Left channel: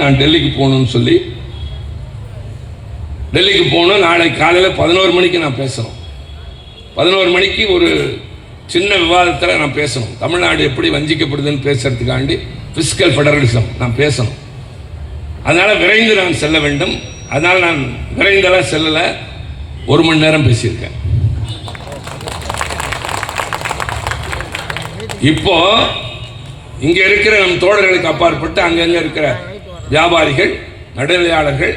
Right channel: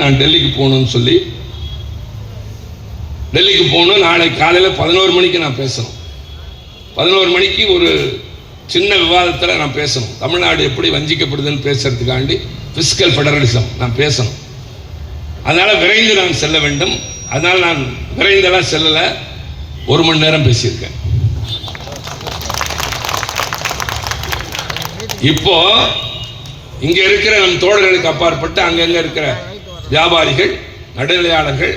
நான் டெல்லிக்கு போகணும்னு சொல்லி டெல்லிக்கு போகணும். நாளை காலையில் பதினோரு மணிக்கு நான் பேசணும். பதினோரு மணிக்கு ஒரு சின்ன விவாதத்தில் நான் பேசணும். தமிழ்நாடு எப்படி வஞ்சிக்கப்படுதுன்னு பேசுறதுக்காண்டி ஃபிசிக்கல் ஃபெடரலிசம் நான் பேசணும். அதனால் விரைந்து நான் செல்ல வேண்டும். அதனால் நான் விரைந்தெல்லாம் செல்லலை. ஒரு மணி நேரம் பேசியிருக்கேன். இப்போ இங்க இருக்கிற நம் தோழர்களுக்கு அப்பாற்பட்டு அங்கங்கே இருக்கிற வியாபாரிகள் நடுநிலையாளர்கள்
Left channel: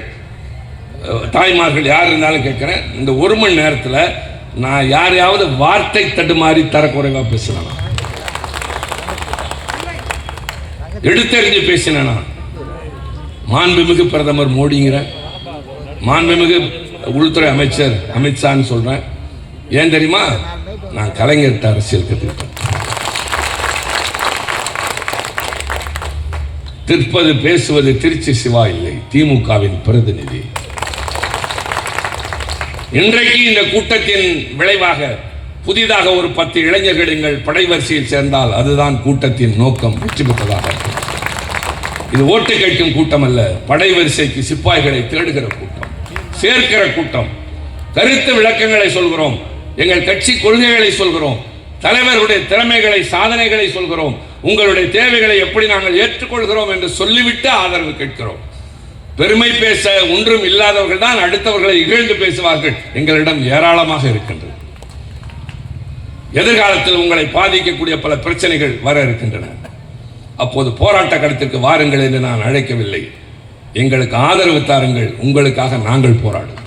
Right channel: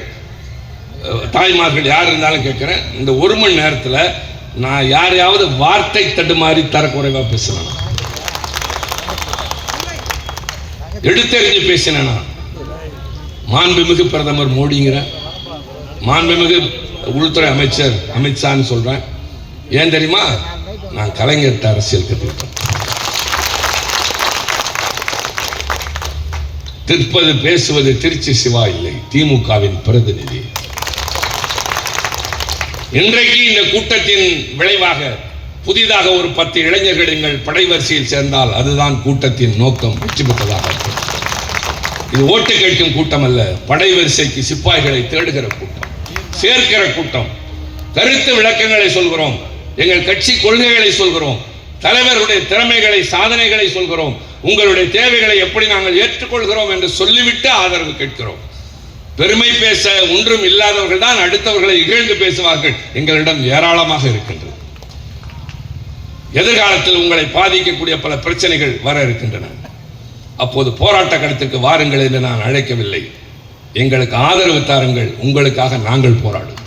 தாய்மார்கள் யார் இருந்தாலும் கேட்குறேன். இந்த ஒரு மணி நேரத்தில் நான் யாரையாவது வார்த்தை தடுமாறி தரக்குறைவாக பேசுகிறேன் எடுத்தறிஞ்சு பேசினேன்? நான் மாண்புமிகு பிரதமர் மோடிங்கிறேன் மாண்புமிகு உள்துறை அமைச்சர் அமித்ஷான்னு சொல்கிறேன் ஏன் தெரியுமா? நான் கலைஞர் அரசியல் கற்றுக்கிட்டேன் திருப்பது பேசுவது திருச்சி சிவா இல்லை திமுகவின் பிரதிநிதி. இன்றைக்கு இந்த கூட்டத்தின் விளைவாக புதிதாக ஒரு பத்து இளைஞர்கள் எங்கள் படைவரிசையில் சேர்ந்தால் அதுதான் கூட்டத்தின் நோக்கம் வெற்றி பெற்றதாக இருக்கும். இது ஓட்டு கேட்கும் கூட்டம் அல்ல படைவரிசைக்கு சிப்பாய்களை தேடுகிற கூட்டம் சேர்க்கிற கூட்டம். கருத்து விளக்கங்களை சொல்கிறோம் எங்கள் கட்சி கொள்கைகளை சொல்கிறோம் தலைவர்களுடைய திறமைகளை சாதனைகளை சொல்கிறோம். உங்களுடைய தேவைகளை எப்படி நாங்கள் ஏற்றுக்கொள்கிறோம் என்று சொல்லிவிட்டு ஆதரவு கேட்கிறோம். பெருமை பேச ஒன்றும் இல்லாதவர்கள் தான் அடுத்தவர்களை இகழ்ந்து பேசுவார்கள். எங்களிடம் ஏராளமாக இருக்கின்றது. எதிர்காலத்தில் உங்களை பாதிக்கக்கூடிய பல பிரச்சனைகள் வர இருக்கின்றன. அப்போது போராட்ட களத்திற்கு வாருங்கள் என்று நான் அழைக்கவில்லை. எங்களுக்கு ஆதரவு தாருங்கள் உங்களுக்காக நாங்கள் போராடுவோம்.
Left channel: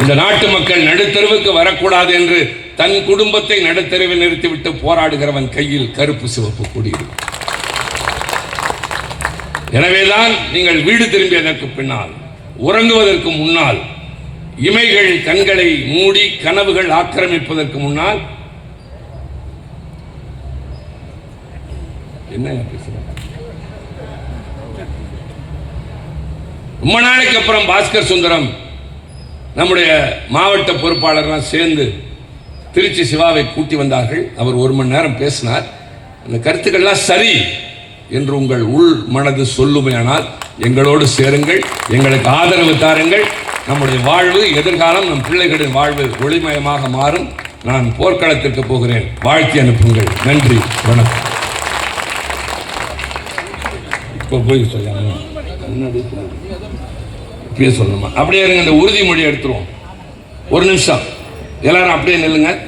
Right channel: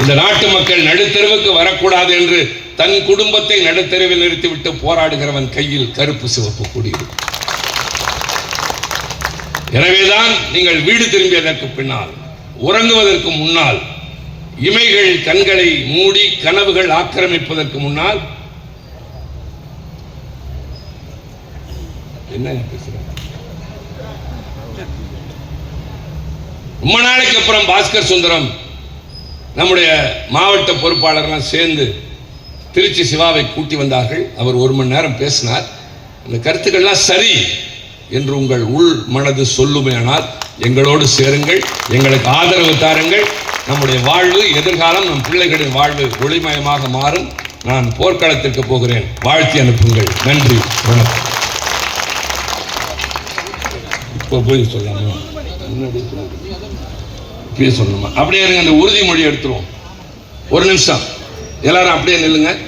இந்த நாட்டு மக்கள் நடுத்தெருவுக்கு வரக்கூடாது என்று தன் குடும்பத்தை நடுத்தருவில் நிறுத்திவிட்டு போராடுகிறவன் கையில் கருப்பு சிவப்பு கூடியிருக்கும் எனவேதான் நீங்கள் வீடு திரும்பியதற்கு பின்னால் உறங்குவதற்கு முன்னால் இமைகள் கண்களை மூடி கனவுகள் ஆக்கிரமிப்பதற்கு முன்னால் என்ன பேசுறேன்? ரொம்ப நாளைக்கு அப்புறம் பாஸ்கர் சுந்தரம் நம்முடைய மாவட்ட பொறுப்பாளர்லாம் சேர்ந்து திருச்சி சிவாவை கூட்டி வந்தார்கள். அவர் ஒரு மணி நேரம் பேசினார். அந்த கருத்துக்கள்லாம் சரி என்று உங்கள் உள் மனது சொல்லுமேனால் எங்களோடு சேருங்கள் எங்களுக்கு ஆதரவு தாருங்கள். நம்முடைய வாழ்வு எதிர்காலம் நம் பிள்ளைகளின் வாழ்வு ஒளிமயமாக மாறும். நான் போர்க்களத்திற்கு போகிறேன். வாழ்த்தி அனுப்புங்கள். நன்றி வணக்கம். இப்போ போய் சொல்லாமா இப்பயே சொல்லணுமா? அப்படியே இருங்க அந்த உறுதிமொழி எடுத்துருவோம். ஒரு நிமிஷம். எல்லாரும் அப்படியே நில்லுங்க.